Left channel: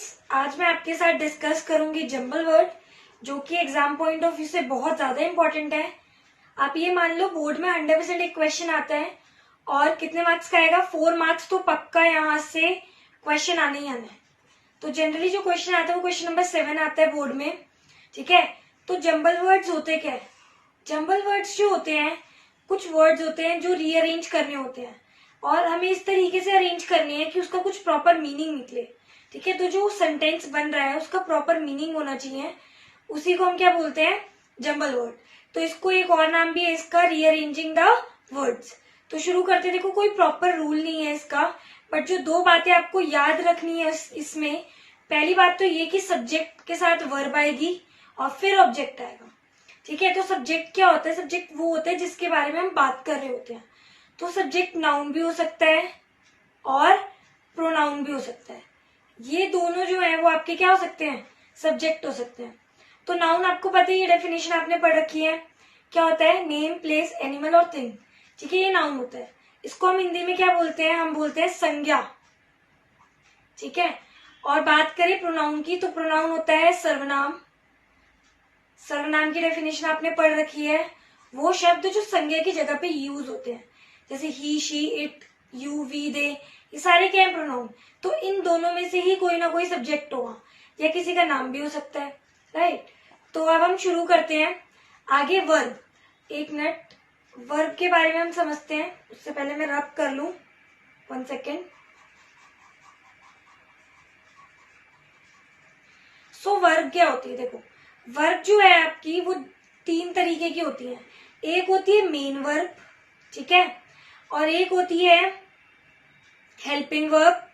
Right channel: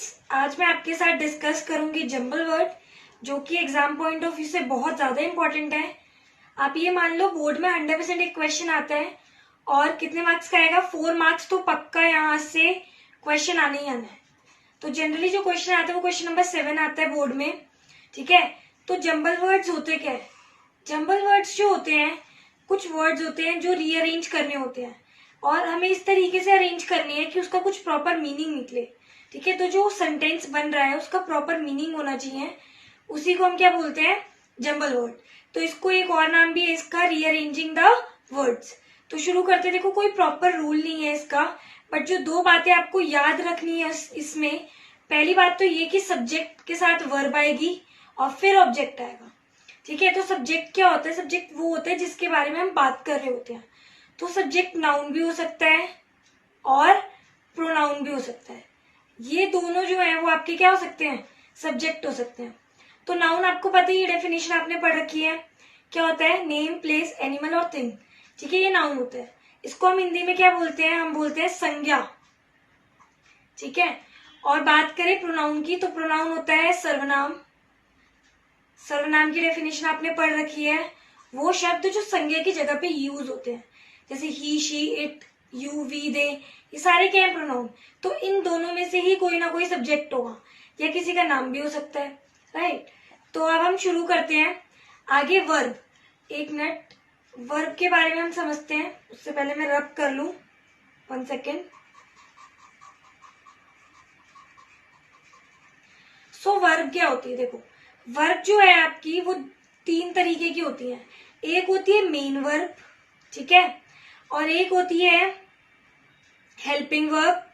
Students, आज मैं आपके साथ डिस्कस करूंगी जंबल वर्ड, जो कि एग्जाम पॉइंट ऑफ व्यू से बहुत ज्यादा इंपॉर्टेंट है। आप ये मान लो बोर्ड में 100% एक क्वेश्चन आता है और कितने मार्क्स का आएगा, 4 मार्क्स तो पक्का यहाँ से क्वेश्चन आने ही आना है। तो जनरली जो क्वेश्चन आता है वो क्वेश्चन नंबर 7 आता है बोर्ड में, ठीक है। तो जंबल वर्ड्स होते क्या है? जंबल वर्ड्स जो होते हैं, कुछ वर्ड्स होते हैं जो रीअरेंज करने होते हैं और हमें इस तरीके से अरेंज करनी है कि उसका कुछ प्रॉपर मीनिंग निकले, ठीक है। तो जो सेंटेंस बन रहा है उसका प्रॉपर मीनिंग होना चाहिए, उसी को हम क्या बोलते हैं, जंबल वर्ड। तो इसको एक और नाम भी है इसका, रीअरेंजिंग द वर्ड्स। तो शुरू करते, देखो कोई प्रॉपर रूल नहीं है इसका, बट जो 2 बातें आपको याद रखनी है इसमें, पहली बात तो ये कि सब्जेक्ट के साथ वर्ब आएगी और फिर ऑब्जेक्ट आएगा, ठीक है। तो सब्जेक्ट क्या होता है? सब्जेक्ट वो होता है जिसके बारे में हम बात कर रहे होते हैं। तो सब्जेक्ट नाउन भी हो सकता है और प्रोनाउन भी हो सकता है। ये दोनों जो है वो आपके क्या हो सकते हैं, सब्जेक्ट हो सकते हैं। तो नाउन आपको पता ही है, डेफिनेशन आपने पढ़ रखी है, क्या होता है, नेम, प्लेस, एनिमल और थिंग, ठीक है, ये नाउन होता है। इसको हम हिंदी में क्या बोलते हैं, हम बोलते हैं संज्ञा, ठीक है। और बात करें प्रोनाउन की, तो प्रोनाउन होता है सर्वनाम। सर्वनाम की डेफिनेशन आपने पढ़ रखी है, वो शब्द जो संज्ञा की जगह पे यूज होते हैं, जैसे ही, शी, इट, यू, वी, दे, ये सारे क्या है, प्रोनाउन। तो इन दोनों में से ही कोई ना कोई सब्जेक्ट होगा या किसी का नाम भी हो सकता है, राइट। तो अब हम शुरू करते हैं आगे। वर्ब, एक मिनट, वर्ब के बारे में हम समझते हैं, उससे पहले मैं रब कर लूं, 1 सेकेंड। सो वर्ब क्या होती है? देखो वर्ब जो है आपकी वो 3 तरीके की होती है। एक होती है मेन वर्ब, ठीक है, और एक होती है हेल्पिंग वर्ब,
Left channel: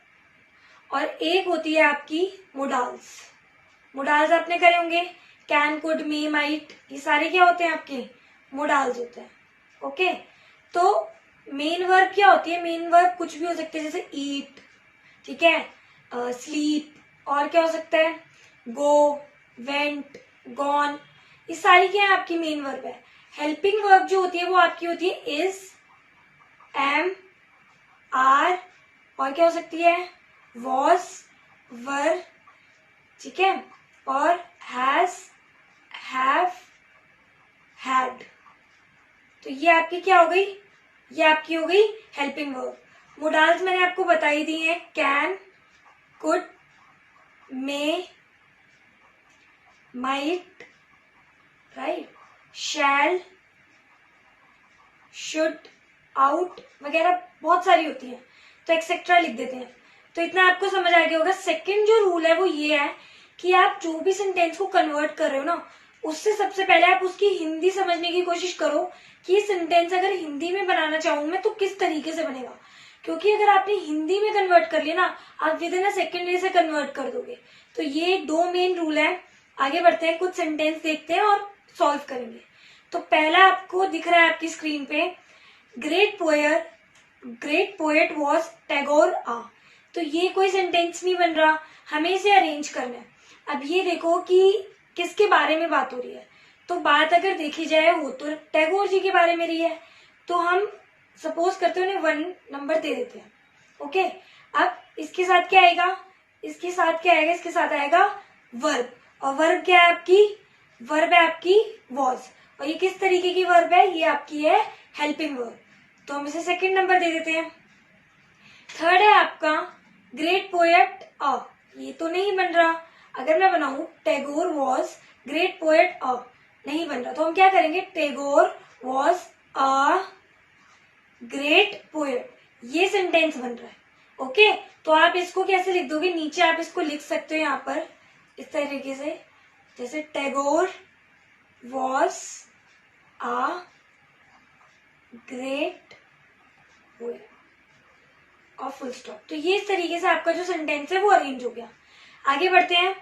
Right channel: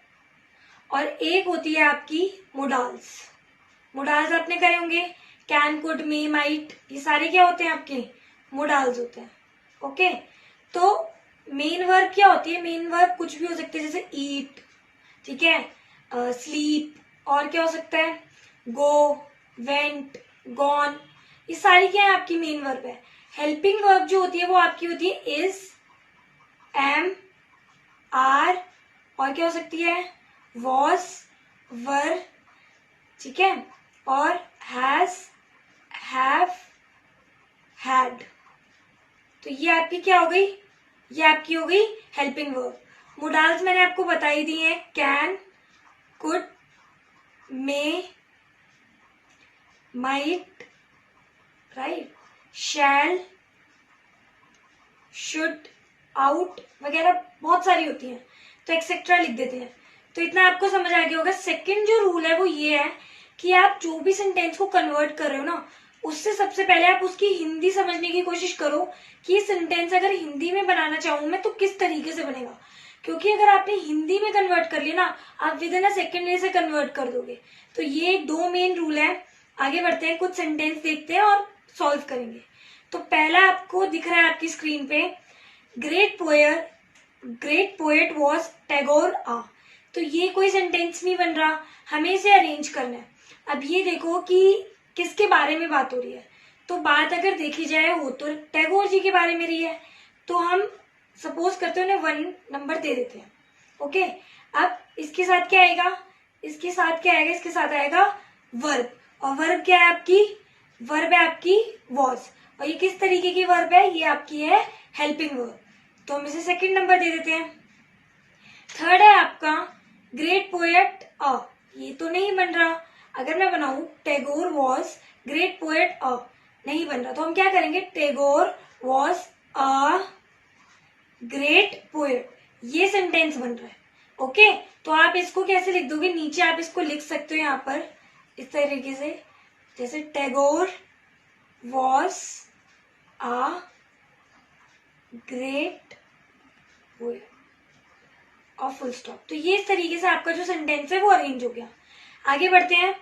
और एक होती है आपकी मोडाल्स। मोडाल्स आपने करे होंगे, कैन, कुड, मे, माइट, ये सारे क्या होते हैं आपके, मोडाल्स होते हैं, ओके। तो मेन वर्ब क्या होती है? मेन वर्ब कुछ भी हो सकती है, जैसे ईट, ठीक है, स्लीप, और क्या हो सकता है, गो, वेंट, गॉन, ये सारी क्या है आपकी मेन वर्ब है। हेल्पिंग वर्ब जो होती है वो आपकी होती है इज, एम, आर, और क्या हो सकती है, वॉज, वर, ठीक है, और हैज, हैव, हैड। तो ये आपकी क्या हो गई, ये आपकी हो गई हेल्पिंग वर्ब। मोडाल्स मैंने आपको बताई दी है, can, could, may, might, right, shall, should, ought वगैरह बहुत सारी होती हैं, तो एक्सेट्रा लिख देते हैं। तो इतना आपको समझ आ गया होगा। सेकंड जो रूल है वो ये है कि आप जो भी सेंटेंस को कन्वर्ट कर रहे हो ना, उससे सबसे पहले आप उसकी हिंदी समझने की कोशिश करो कि ये सेंटेंस अगर हिंदी में बनाना चाहूं मैं तो किस तरीके से बनेगा। क्योंकि अगर आपने हिंदी में कन्वर्ट कर लिया ना, आप विद इन अ सेकेंड इसे कन्वर्ट कर दोगे। तो ये 2 मेन रूल है। आगे बढ़ते हैं, कुछ सेंटेंस देखते हैं और सॉल्व करेंगे। तो पहला आपको दिख रहा है आपकी स्क्रीन पे, ग्रेट पोएट वॉज टैगोर आ। तो ये कोई सेंटेंस नहीं बन रहा, हमें इसे अरेंज करना है। अब ये देखो कि किसके बारे में बात हो रही है। तो बात अगर देखी जाए वो तो टैगोर जी के बारे में रही है, तो हम सपोज करते हैं उन्हें 1 नंबर दे देते हैं, ओके। अब इसके साथ क्या आएगा, इसके साथ क्या आएगा, इसके साथ आएगा वर्ब, और वर्ब क्या है आपकी, वर्ब है आपकी वॉज, और ये किस तरीके की वर्ब है, ये आपकी है हेल्पिंग वर्ब। तो हम इसे 2nd नंबर दे देते हैं। थर्ड है आपका ग्रेट पोएट अ, ये तो नहीं बन रहा। अगर मैं बनाऊं टैगोर वॉज ग्रेट पोएट अ, नहीं बन रहा, तो हम क्या करेंगे, Tagore was a great poet, ये सेंटेंस बन रहा है, ओके। तो आप इसको कैसे लिख दोगे, नीचे आप इसको लिख सकते हो यहाँ पर इस तरीके से, जैसे Tagore was a great poet और फुल स्टॉप। तो ये इस तरीके से आपका जो सेंटेंस है वो अरेंज हो गया। आगे बढ़ते हैं।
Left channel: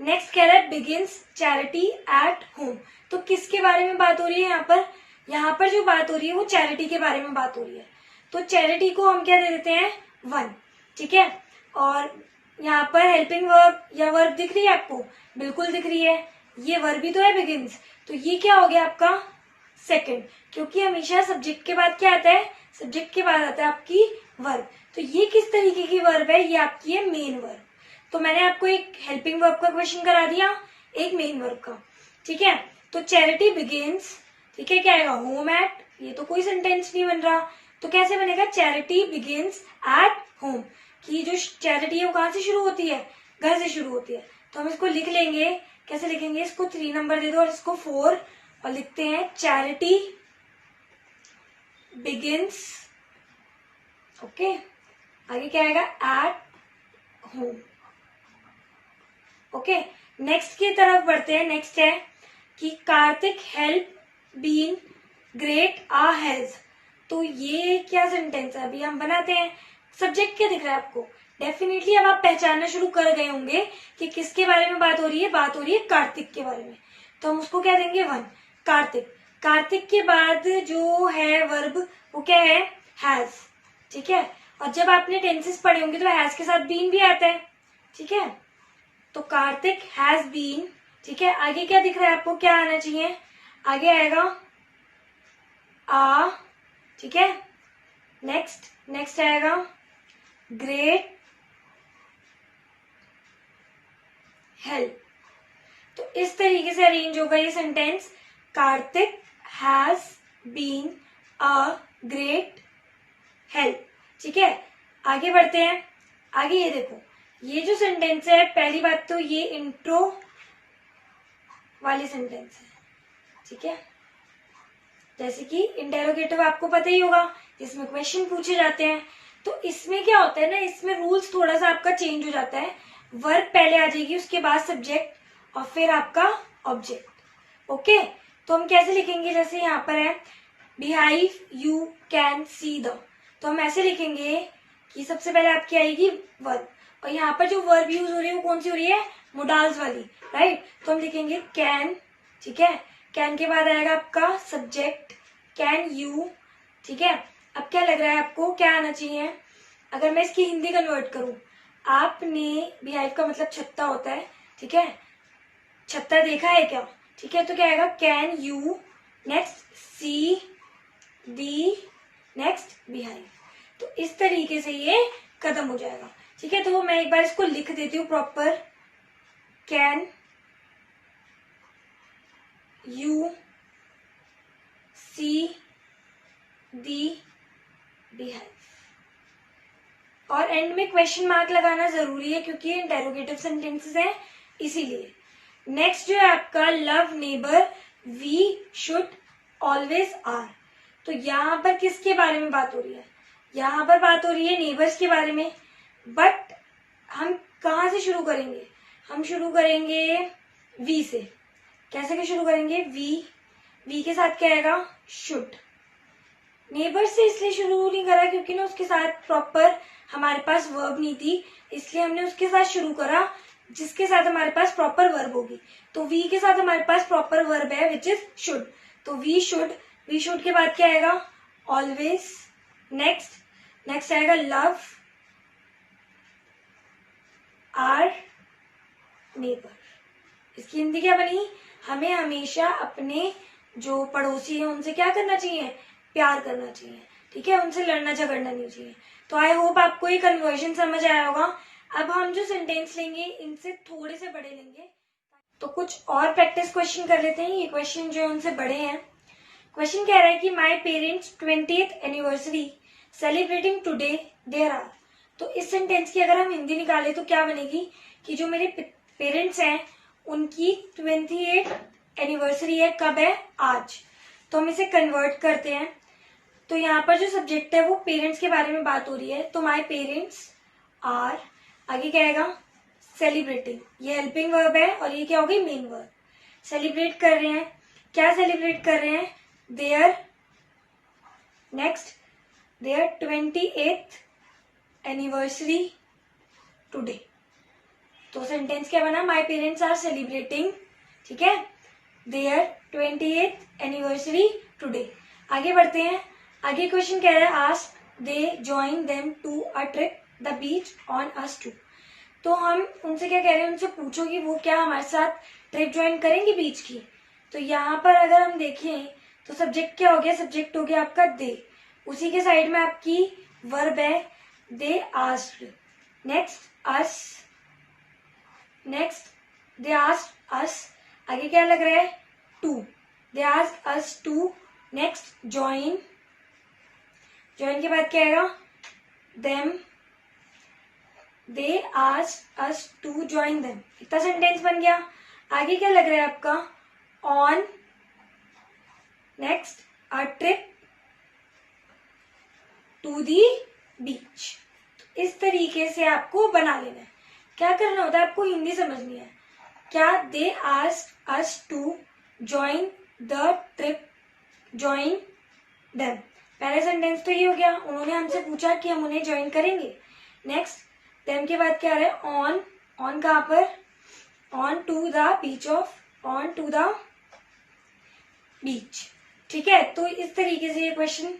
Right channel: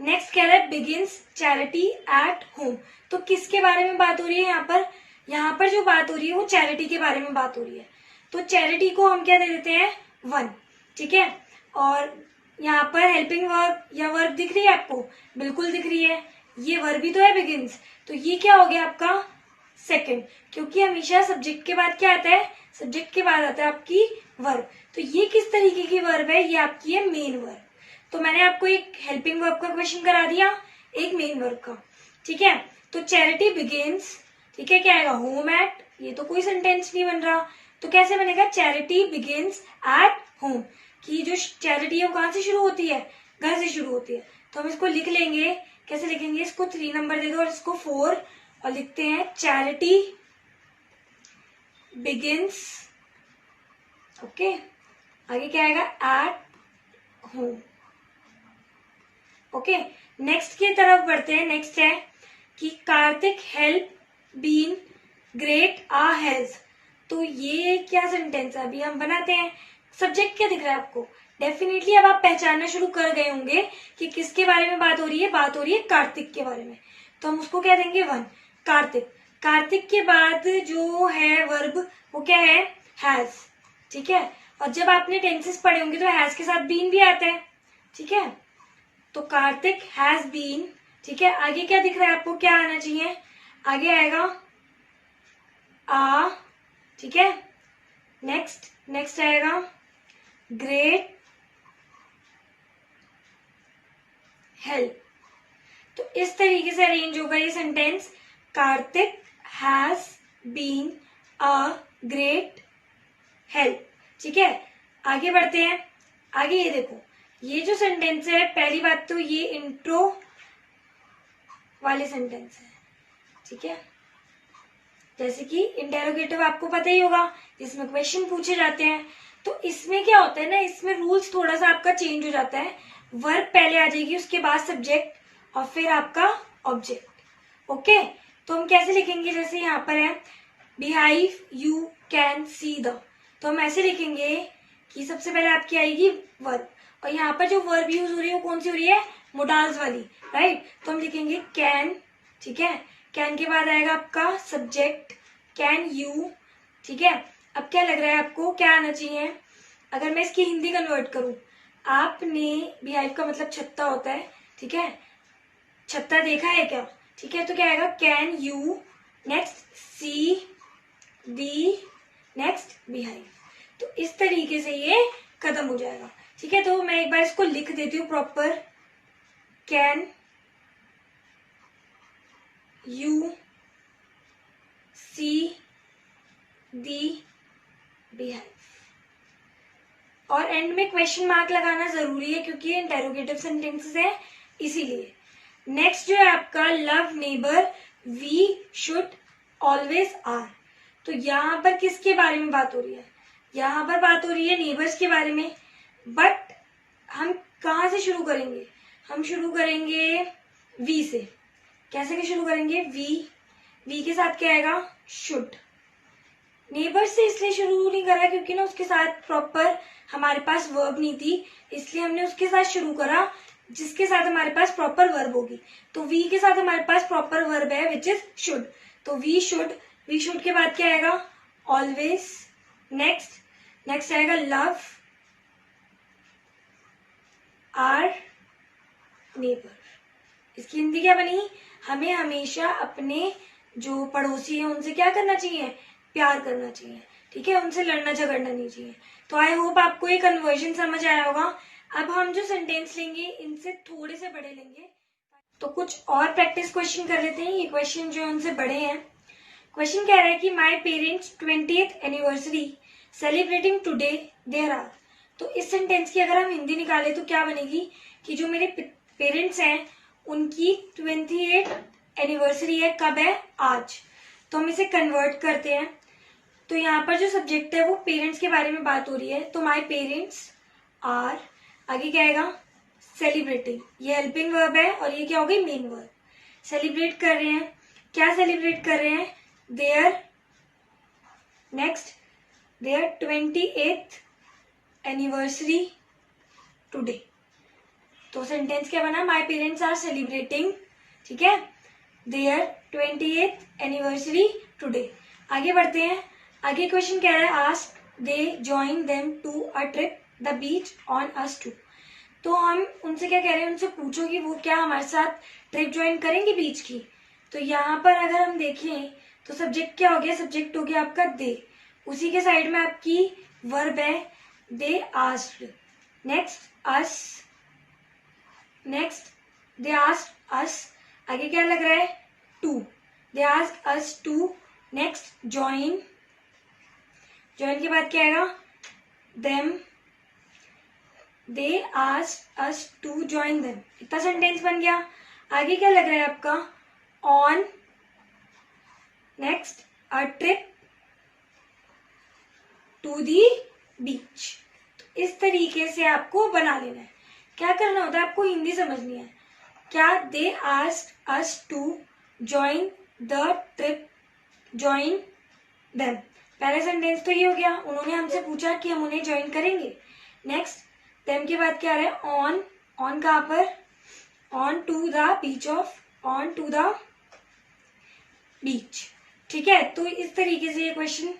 नेक्स्ट क्या है, बिगिंस चैरिटी एट होम। तो किसके बारे में बात हो रही है यहाँ पर, यहाँ पर जो बात हो रही है वो चैरिटी के बारे में बात हो रही है। तो चैरिटी को हम क्या दे देते हैं, 1, ठीक है। और यहाँ पर हेल्पिंग वर्ब या वर्ब दिख रही है आपको, बिल्कुल दिख रही है, ये वर्ब ही तो है बिगिंस। तो ये क्या हो गया आपका 2nd, क्योंकि हमेशा सब्जेक्ट के बाद क्या आता है, सब्जेक्ट के बाद आता है आपकी वर्ब। तो ये किस तरीके की वर्ब है, ये आपकी है मेन वर्ब। तो मैंने आपको एक हेल्पिंग वर्ब का क्वेश्चन करा दिया, एक मेन वर्ब का, ठीक है। तो चैरिटी बिगिंस, ठीक है, क्या आएगा, होम एट, ये तो कोई सेंटेंस नहीं बन रहा, तो कैसे बनेगा, चैरिटी बिगिंस एट होम, कि जो चैरिटी है वो कहाँ से शुरू होती है, घर से शुरू होती है। तो हम इसको लिख लेंगे, कैसे लिखेंगे, इसको 3 नंबर दे दो और इसको 4 और लिखते हैं चैरिटी बिगिंस, ओके, आगे क्या आएगा, एट होम, ओके। नेक्स्ट की तरफ बढ़ते हैं। नेक्स्ट है कि Kartik help been great a has, तो ये क्या सेंटेंस है, अभी हम बनाते हैं। सब्जेक्ट क्या दिख रहा है आपको, डेफिनेटली अब आप पहचानना शुरू कर गए होंगे कि किसके बारे में बात हो रही है, बात हो रही है कार्तिक के बारे में। तो हम उसको क्या देंगे, 1, कार्तिक। कार्तिक के बाद जो है वर्ब वो क्या है, हैज, ठीक है। और जब आपने टेंसेस पढ़े होंगे तो हैज के साथ बीन भी आता है, ठीक है। तो कार्तिक हैज बीन, ठीक है। आगे क्या दिख रहा है आपको, क्या आना चाहिए, आगे आएगा आ, ठीक है। नेक्स्ट आएगा ग्रेट हेल्प। तो इस तरीके से अरेंज होगा ये sentence, Kartik has been a great help, ठीक है। आगे बढ़ते हैं। आगे ये देखो, ये जो सेंटेंस है, पहली बात तो ये इंट्रो वाले सेंटेंस है, ठीक है। जैसे कि इंटेरोगेटिव आपको पता ही होगा, इसमें क्वेश्चन पूछे जाते हैं। तो इसमें क्या होता है ना, इसमें रूल्स थोड़ा सा आपका चेंज हो जाता है। वर्ब पहले आ जाएगी, उसके बाद सब्जेक्ट और फिर आपका ऑब्जेक्ट, ओके। तो हम कैसे लिखेंगे, जैसे यहाँ पर है beehive you can see the, तो हम ऐसे लिखेंगे कि सबसे पहले आपकी आएगी वर्ब, और यहाँ पर जो वर्ब यूज हो रही है वो कौन सी हो रही है, मोडाल्स वाली, राइट। तो हम लिखेंगे कैन, ठीक है। कैन के बाद आएगा आपका सब्जेक्ट, कैन यू, ठीक है। अब क्या लग रहा है आपको, क्या आना चाहिए, अगर मैं इसकी हिंदी कन्वर्ट करूं, आपने, बिहाइव का मतलब छत्ता होता है, ठीक है, छत्ता देखा है क्या, ठीक है। तो क्या आएगा, can you, next see the, next beehive. तो इस तरीके से ये खत्म हो जाएगा, ठीक है। तो मैं एक बार इसको लिख देती हूँ proper, can you see the beehive, और एंड में क्वेश्चन मार्क लगाना जरूरी है क्योंकि ये इंटेरोगेटिव सेंटेंसेस है, इसीलिए। नेक्स्ट जो है आपका love neighbour we should always our, तो यहाँ पर किसके बारे में बात हो रही है, यहाँ पर बात हो रही है नेबर्स के बारे में। बट हम कहाँ से शुरू करेंगे, हम शुरू करेंगे वी से। कैसे के शुरू करेंगे, वी के साथ क्या आएगा, शुड। नेबर से इसलिए शुरू नहीं करा क्योंकि ना उसके साथ प्रॉपर हमारे पास वर्ब नहीं थी, इसलिए हमने उसके साथ शुरू करा जिसके साथ हमारे पास प्रॉपर वर्ब होगी। तो वी के साथ हमारे पास प्रॉपर वर्ब है विच इज शुड, तो वी शुड के बाद क्या आएगा, ऑलवेज। नेक्स्ट आएगा लव आर नेबर। इसकी हिंदी क्या बनी, हमें हमेशा अपने जो पड़ोसी है उनसे क्या करना चाहिए, प्यार करना चाहिए, ठीक है, उनसे लड़ना झगड़ना नहीं चाहिए। तो आई होप आपको ये कन्वर्जन समझ आया होगा। अब हम जो सेंटेंस लेंगे इनसे थोड़े से बड़े लेंगे, तो कुछ और प्रैक्टिस क्वेश्चन कर लेते हैं। ये क्वेश्चन जो है उनसे बड़े हैं। क्वेश्चन कह रहा है कि my parents 20th anniversary celebrating today their are, तो इस सेंटेंस की अगर हम हिंदी निकाले तो क्या बनेगी कि जो मेरे पेरेंट्स हैं उनकी 28th एनिवर्सरी है, कब है, आज। तो हम इसे कन्वर्ट करते हैं। तो यहाँ पर जो सब्जेक्ट है वो पेरेंट्स के बारे में बात हो रही है, तो माई पेरेंट्स आर, आगे क्या आएगा, सेलिब्रेटिंग, ये हेल्पिंग वर्ब है और ये क्या हो गई, मेन वर्ब। सेलिब्रेट कर रहे हैं, क्या सेलिब्रेट कर रहे हैं, their, next their 28th anniversary today. तो सेंटेंस क्या बना, माई पेरेंट्स आर सेलिब्रेटिंग, ठीक है, देयर 28th एनिवर्सरी टुडे। आगे बढ़ते हैं। आगे क्वेश्चन कह रहा है ask they join them to a trip the beach on us to, तो हम उनसे क्या कह रहे हैं, उनसे पूछो कि वो क्या हमारे साथ ट्रिप ज्वाइन करेंगे बीच की। तो यहाँ पर अगर हम देखें तो सब्जेक्ट क्या हो गया, सब्जेक्ट हो गया आपका दे, उसी के साइड में आपकी वर्ब है they asked, next us, next they asked us, आगे क्या लग रहा है, to, they asked us to, next join, join के बाद क्या आएगा, them, they asked us to join them, इतना सेंटेंस बन गया। आगे क्या लग रहा है आपका, on, next a trip to the beach. तो इस तरीके से आपको बना लेना है। क्या करना होता है, आपको हिंदी समझनी है। क्या, they asked us to join the trip, join them, पहला सेंटेंस तो ये हो गया, उन्होंने हमसे पूछा कि हम उन्हें ज्वाइन करेंगे। नेक्स्ट देम के बाद क्या आ रहा है, ऑन, ऑन कहाँ पर, on to the beach of, on to the beach. ठीक है, तो इस तरीके से ये क्वेश्चन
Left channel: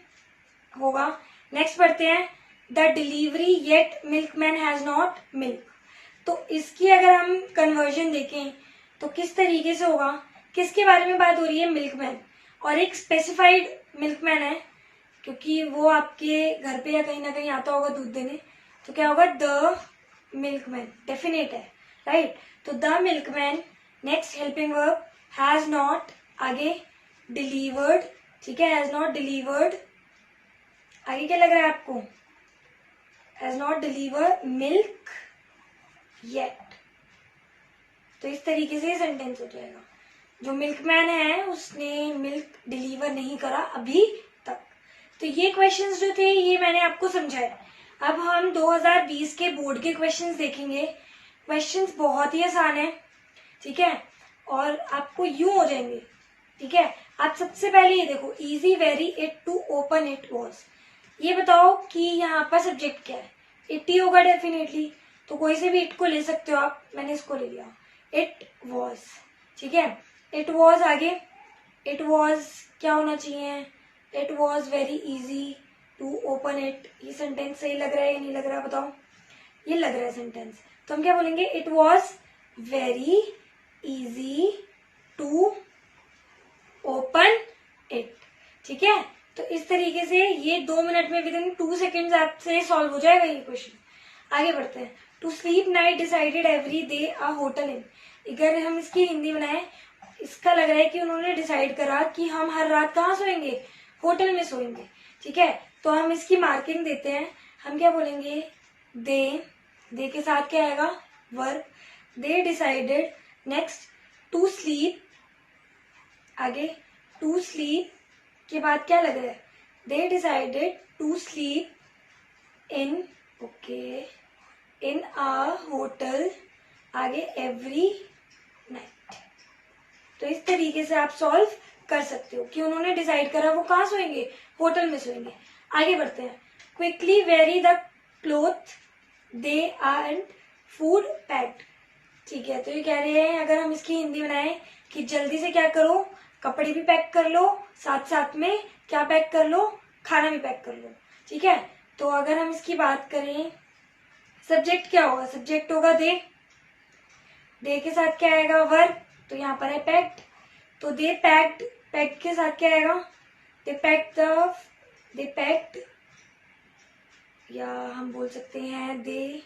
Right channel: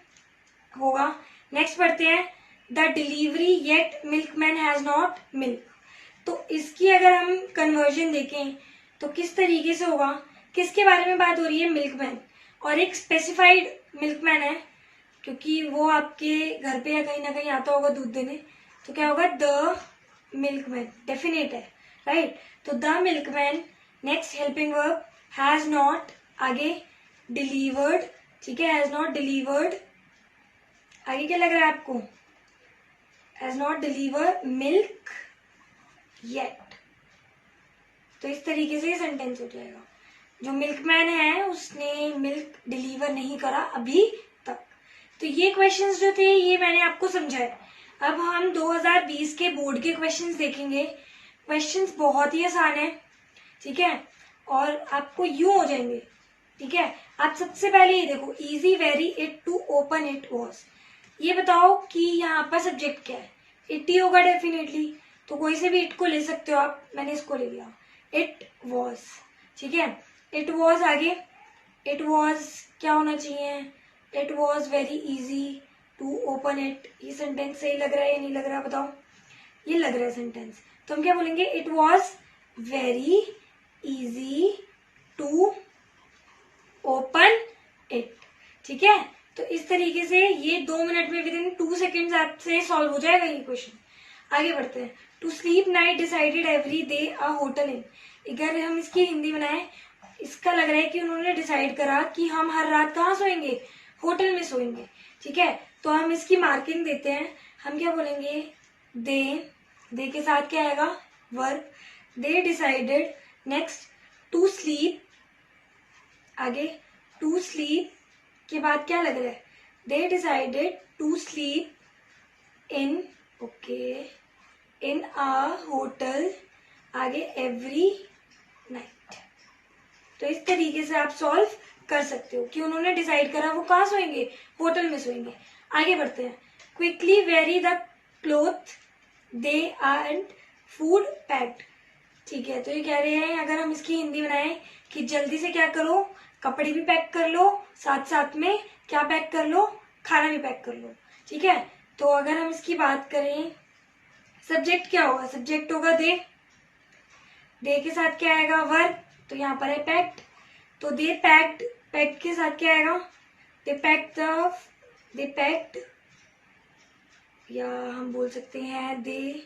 होगा। नेक्स्ट पढ़ते हैं, the delivery yet milkman has not milk. तो इसकी अगर हम कन्वर्जन देखें तो किस तरीके से होगा, किसके बारे में बात हो रही है, मिल्कमैन, और एक स्पेसिफाइड मिल्कमैन है क्योंकि वो आपके घर पे या कहीं ना कहीं आता होगा दूध देने, तो क्या होगा, द मिल्कमैन, डेफिनेट है, राइट। तो the milkman, next helping verb, has not, आगे डिलीवर्ड, ठीक है, हैज नॉट डिलीवर्ड, आगे क्या लग रहा है आपको, has not delivered milk yet. तो इस तरीके से सेंटेंस हो जाएगा, जो मिल्कमैन है उसने मिल्क डिलीवर नहीं करा अभी तक। तो ये क्वेश्चंस जो थे ये मैंने आपको समझाए। अब हम 2020 के बोर्ड के क्वेश्चंस देखेंगे। क्वेश्चंस बहुत ही आसान है, ठीक है, और आपको यूं हो जाएंगे, ठीक है। आप सबसे पहले ये देखो, easy very it to open it was. ये बताओ कि यहाँ पर सब्जेक्ट क्या है, इट ही होगा डेफिनेटली, तो कोई से भी इट को ले सकते हो आप, मैंने इसको ले लिया, इट वॉज, ठीक है। इट वॉज, आगे इट वॉज क्या होना चाहिए, it was very easy to open it. ये सेंटेंस सही लग रहा है या नहीं लग रहा है, बताओ, ये लग रहा है सेंटेंस, तो हम क्या बोलेंगे, it was very easy to open it, ठीक है। तो इस तरीके से ये 2 मिनट में विद इन 2 सेकेंड्स आपसे सॉल्व हो जाएगा ये क्वेश्चन। आगे बढ़ते हैं, to sleep night decided every day a hotel in. अगर हम इसकी हिंदी बनाए, इसका लग रहा है कि उन्होंने डिसाइड करा कि हम हर रात कहाँ सोएंगे, होटल में सोएंगे, ठीक है। तो हम इसकी मार्किंग देते हैं, हम क्या बोलेंगे, दे के साथ क्या आएगा, verb, they decided, next to sleep, आगे टू स्लीप के बाद क्या लग रहा है, they decided to sleep in, okay, in a hotel, आगे एवरी नाइट। तो इस तरीके से आप सॉल्व कर सकते हो कि उन्होंने डिसाइड करा वो कहाँ सोएंगे, होटल में सोएंगे। आगे बढ़ते हैं, quickly very the cloth they and food packed, ठीक है। तो ये कह रहे हैं अगर हम इसकी हिंदी बनाएं कि जल्दी से क्या करो, कपड़े भी पैक कर लो, साथ साथ में क्या पैक कर लो, खाना भी पैक कर लो, ठीक है। तो अगर हम इसकी बात करें, सब्जेक्ट क्या होगा, सब्जेक्ट होगा दे के साथ क्या आएगा, वर्ब, तो यहाँ पर है पैक्ड, तो दे पैक्ड, पैक्ड के साथ क्या आएगा, दे पैक्ड, या हम बोल सकते हैं दे,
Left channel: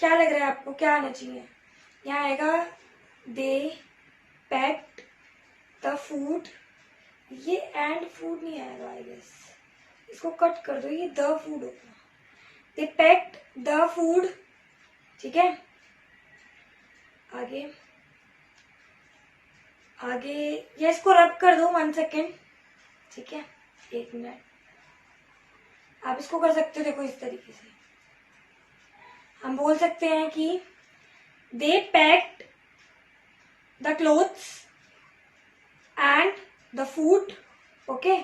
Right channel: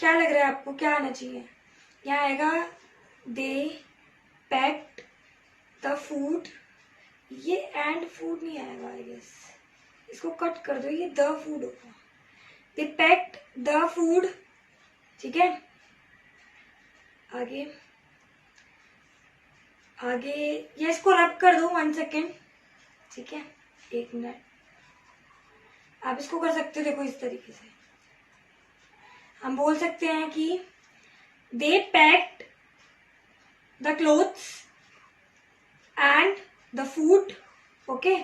क्या लग रहा है आपको, क्या आना चाहिए, यहाँ आएगा दे पैक्ड द फूड, ये एंड फूड नहीं आएगा, आई गेस इसको कट कर दो, ये द फूड होगा, दे पैक्ड द फूड, ठीक है। आगे ये इसको रब कर दो 1 सेकेंड, ठीक है, 1 मिनट, आप इसको कर सकते हो, देखो इस तरीके से हम बोल सकते हैं कि they packed the clothes and the food, okay.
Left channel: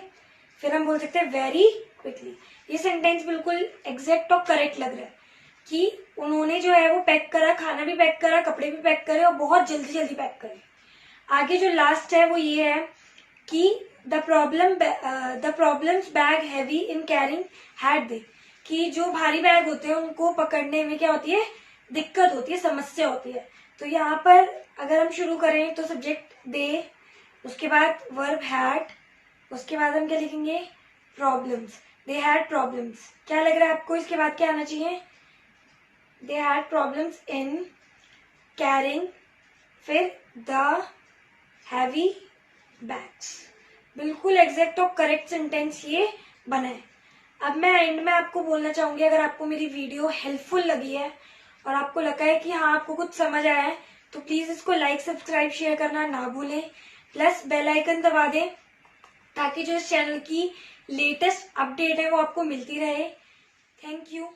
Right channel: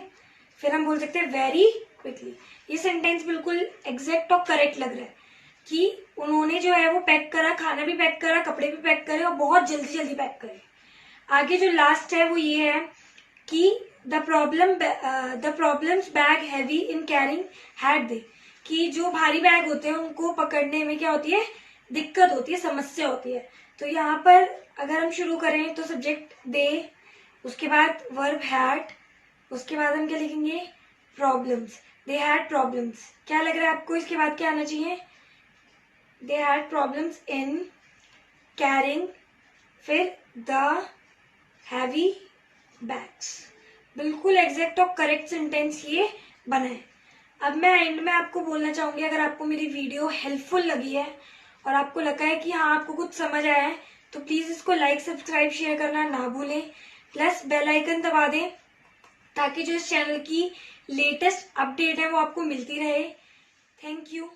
फिर हम बोल सकते हैं वेरी क्विकली। ये सेंटेंस बिल्कुल एग्जैक्ट और करेक्ट लग रहा है कि उन्होंने जो है वो पैक करा, खाना भी पैक करा, कपड़े भी पैक करे और बहुत जल्दी जल्दी पैक करे। आगे जो लास्ट है वो ये है कि the problems bag heavy in carrying had they, कि जो भारी बैग होते हैं उनको पकड़ने में क्या होती है, दिक्कत होती है, समस्या होती है। तो यहाँ पर अगर हम शुरू करें तो सब्जेक्ट दे, उसके बाद वर्ब हैड, उसके बाद हम क्या लिखेंगे, प्रॉब्लम्स, दे हैड प्रॉब्लम्स। क्या लग रहा है आपको, इसके बाद क्या आना चाहिए, they had problems in carrying, फिर द हैवी बैग्स। बिल्कुल एग्जैक्ट और करेक्ट सेंटेंस ये बना है। अब मैं एंड में आपको बोलना चाहूंगी, अगर आपको मेरी वीडियो हेल्पफुल लगी है और आपको लगा है कि हाँ आपको कुछ समझ आया है, तो प्लीज इसको लाइक, सब्सक्राइब, शेयर करना ना भूलें। प्लस बेल आइकन दबा दें ताकि जो इस चैनल की लेटेस्ट अपडेट है वो आपको मिलती रहे। Thank you.